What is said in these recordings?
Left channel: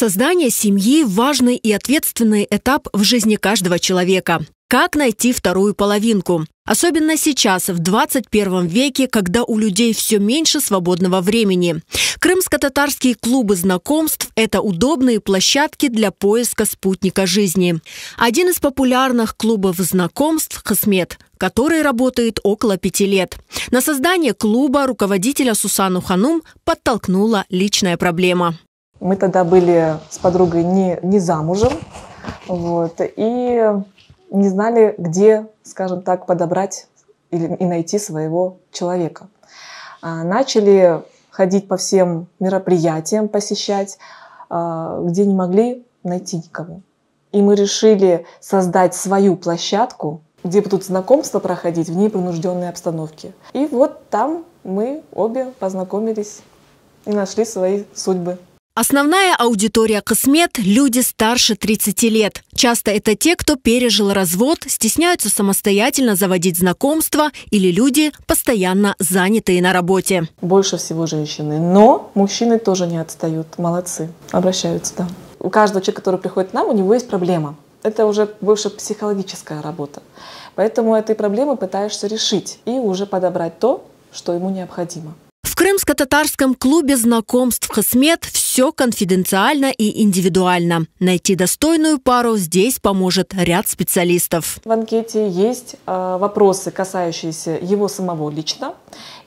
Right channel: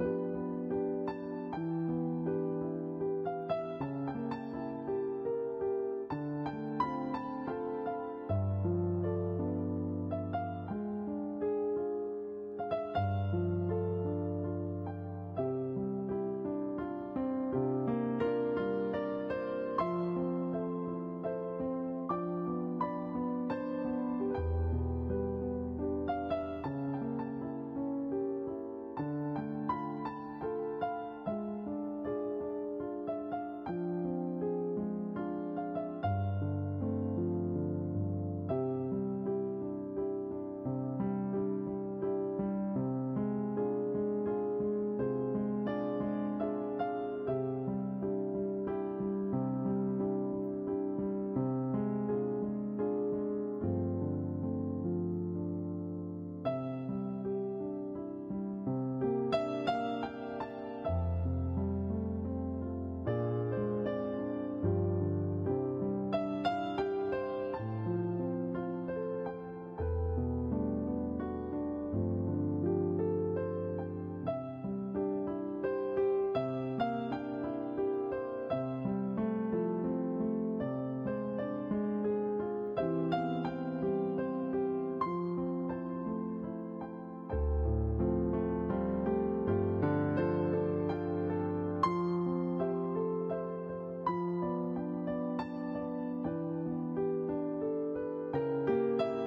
Создание семьи – важный и ответственный этап в жизни каждого человека. Как найти вторую половинку? Особенно сейчас, в 21 веке, когда у людей все меньше свободного времени. Крымско-татарские клубы знакомств – это удобные площадки для поиска спутника жизни. Один из популярных клубов знакомств – «Кысмет», который работает около 5 лет. На создание клуба руководителя Сусану Ханум подтолкнула личная проблема. Мы тогда были с подругой не замужем, и не знали, где, скажем так, подобрать и найти своего человека. Начали ходить по всем мероприятиям, посещать, где не могли найти никого. И мы решили создать свою площадку, где будут знакомства проходить в непринужденной обстановке. И вот там мы обе познакомились и нашли свои судьбы. Основная аудитория «Кысмет» – люди старше 30 лет. Часто это те, кто пережил развод, стесняются самостоятельно заводить знакомства или люди, постоянно занятые на работе. Больше всего женщины, но мужчины тоже не отстают. Молодцы, обращаются, да. У каждого человека, который приходит к нам, у него есть проблема. Это уже больше психологическая работа. Поэтому этой проблемы пытаешься решить и уже подобрать то, что ему необходимо. В крымско-татарском клубе знакомств «Кысмет» все конфиденциально и индивидуально. Найти достойную пару здесь поможет ряд специалистов. В анкете есть вопросы, касающиеся его самого лично,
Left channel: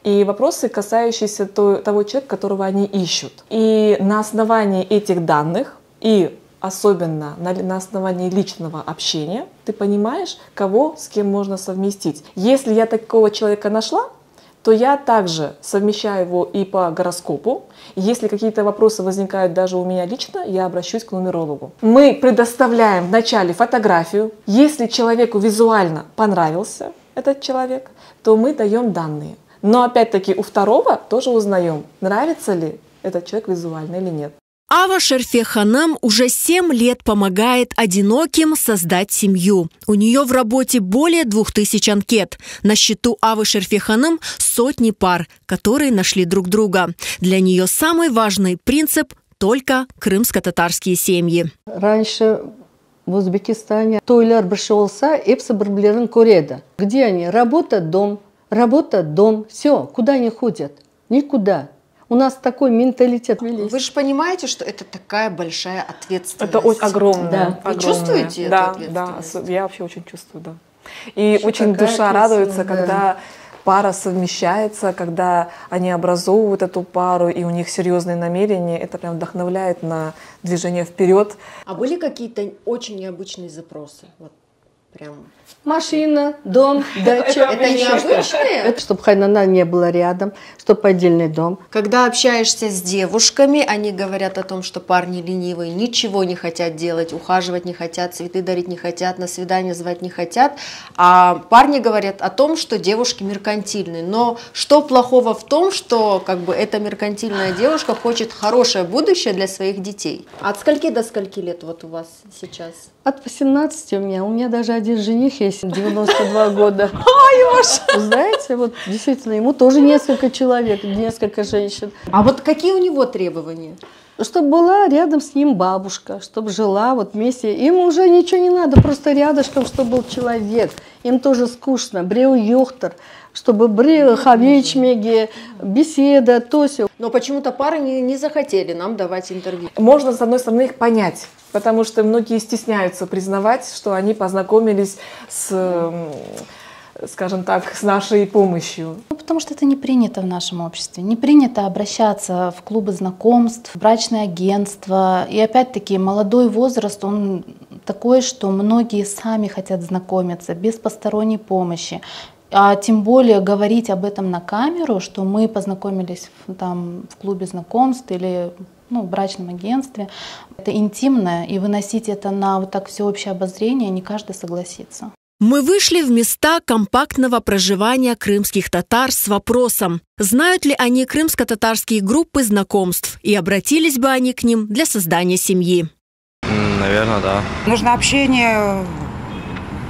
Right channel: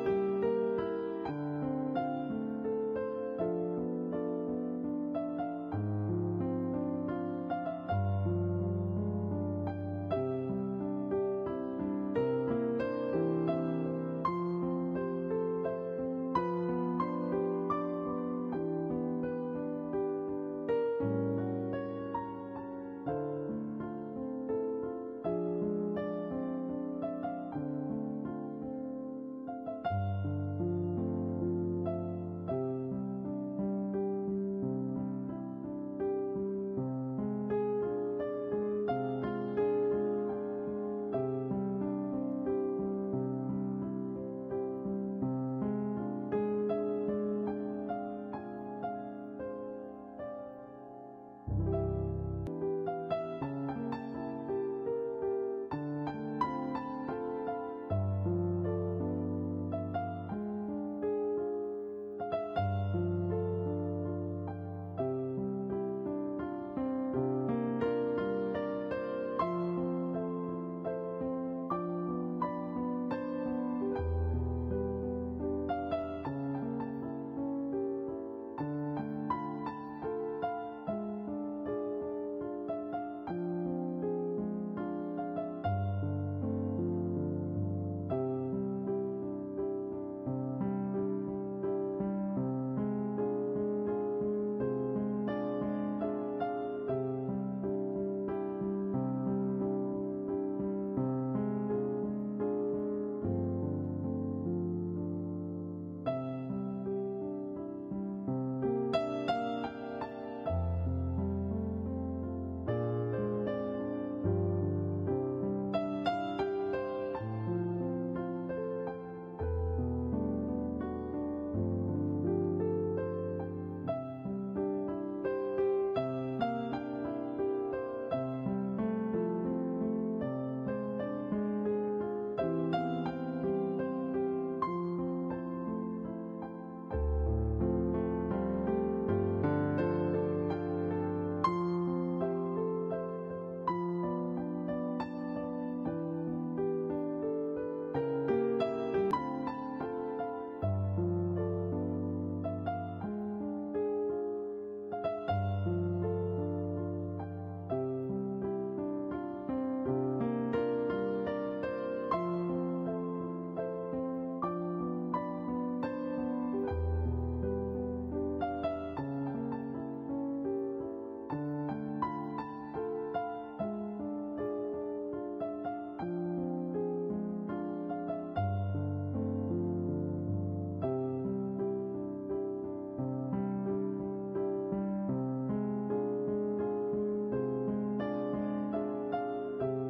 и вопросы, касающиеся того человека, которого они ищут. И на основании этих данных, и особенно на основании личного общения, ты понимаешь, кого с кем можно совместить. Если я такого человека нашла, то я также совмещаю его и по гороскопу. Если какие-то вопросы возникают даже у меня лично, я обращусь к нумерологу. Мы предоставляем вначале фотографию. Если человеку визуально понравился этот человек, то мы даем данные. Но опять-таки у второго тоже узнаем, нравится ли этот человек визуально или нет. Ава Шерфе Ханам уже 7 лет помогает одиноким создать семью. У нее в работе более 2000 анкет. На счету Авы Шерфе Ханам сотни пар, которые нашли друг друга. Для нее самый важный принцип – только крымско-татарские семьи. Раньше в Узбекистане тойлар пришелся, эпсы бирблерин көреді. Где они? Работа, дом. Работа, дом. Все. Куда они ходят? Никуда. У нас такой менталитет. Вы же понимаете, что это такая большая ответственность. Это очень огромное. Да. Вы чувствуете эту ответственность? Да, я вообще очень чувствую, да. И очень душа радуется, когда пара совмещается, когда они образовывают эту пару, и у них серьезные намерения. Это прям вдохновляет на движение вперед. А были какие-то очень необычные запросы? Прям. Машина, дом, дача. Это необычные? Это чтобы Хайнана не было рядом, чтобы отдельный дом. Когда общаешься с девушками, они говорят о том, что парни ленивые, ничего не хотят делать, ухаживать не хотят, цветы дарить не хотят, на свидание звать не хотят. А парни говорят о том, что девушки меркантильные. Но что плохого в том, что эта меркантильная девушка хочет хорошее будущее для своих детей? От скольки до скольки лет вот у вас сейчас? От 18 у меня даже один жених есть, 92 года. Знаете, вот действительно, ему тоже несколько человек, несколько женщин. А вот какие у него требования? Чтобы была рядом с ним бабушка, чтобы жила вот вместе. Им уже ничего не надо, просто рядышком, чтобы был человек. Им тоже скучно. Бреу йохтер, чтобы бреу хавечмеги, беседа, то все. Но почему-то пары не захотели нам давать интервью. Можно, с одной стороны, их понять, потому что многие стесняются признавать, что они познакомились скажем так, с нашей помощью. Потому что это не принято в нашем обществе. Не принято обращаться в клубы знакомств, в брачное агентство. И опять-таки молодой возраст, он такой, что многие сами хотят знакомиться без посторонней помощи. А тем более говорить об этом на камеру, что мы познакомились в клубе знакомств или в брачном агентстве. Это интимно, и выносить это на вот так всеобщее обозрение не каждый согласится. Мы вышли в места компактного проживания крымских татар с вопросом, знают ли они крымско-татарские группы знакомств и обратились бы они к ним для создания семьи. Наверное, да. Нужно общение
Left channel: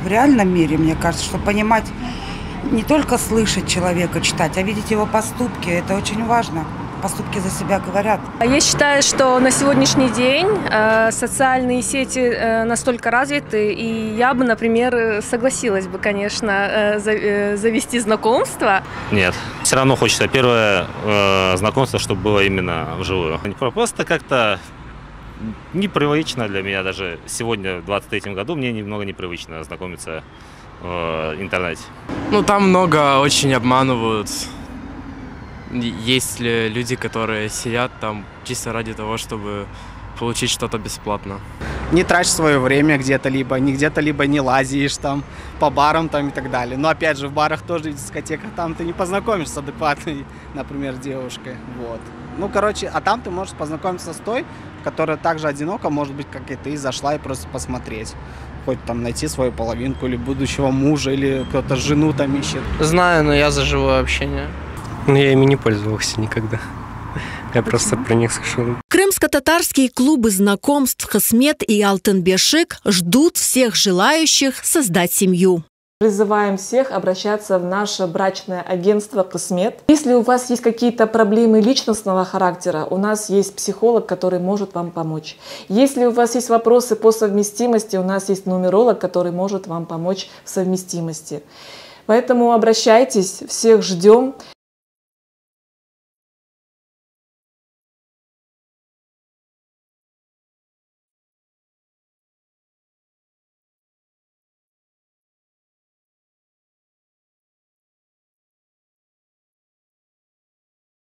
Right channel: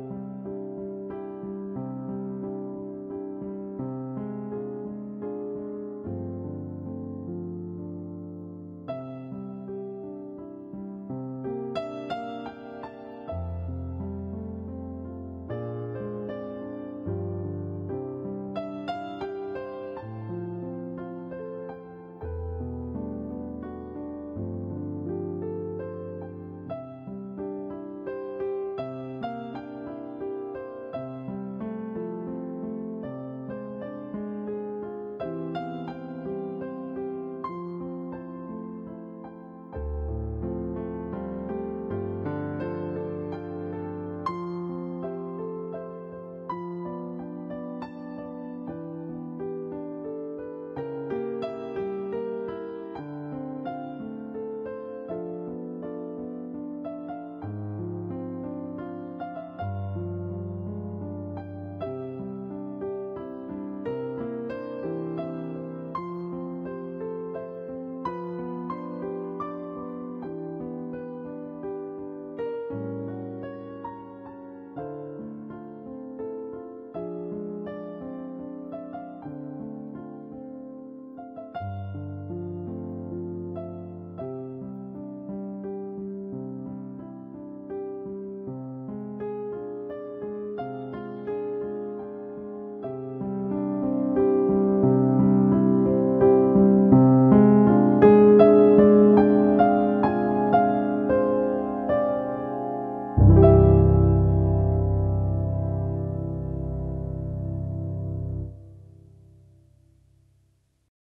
в реальном мире, мне кажется, чтобы понимать, не только слышать человека, читать, а видеть его поступки. Это очень важно. поступки за себя говорят. Я считаю, что на сегодняшний день социальные сети настолько развиты, и я бы, например, согласилась бы, конечно, завести знакомство. Нет. Все равно хочется первое знакомство, чтобы было именно вживую. Просто как-то непривычно для меня даже сегодня, в 23-м году, мне немного непривычно знакомиться в интернете. Ну, там много очень обманывают. Есть ли люди, которые сидят там чисто ради того, чтобы получить что-то бесплатно. Не трачь свое время где-то либо не лазишь там по барам там и так далее. Но опять же в барах тоже, в дискотеках там ты не познакомишься с адекватной, например, девушкой. Вот. Ну, короче, а там ты можешь познакомиться с той, которая также одинока, может быть, как и ты, зашла и просто посмотреть. Хоть там найти свою половинку или будущего мужа, или кто-то жену там ищет. Знаю, но я за живое общение. Но я ими не пользовался никогда. Я просто про них слышал. Крымско-татарские клубы знакомств «Хасмет» и «Алтын-Бешик» ждут всех желающих создать семью. Призываем всех обращаться в наше брачное агентство «Хасмет». Если у вас есть какие-то проблемы личностного характера, у нас есть психолог, который может вам помочь. Если у вас есть вопросы по совместимости, у нас есть нумеролог, который может вам помочь в совместимости. Поэтому обращайтесь, всех ждем.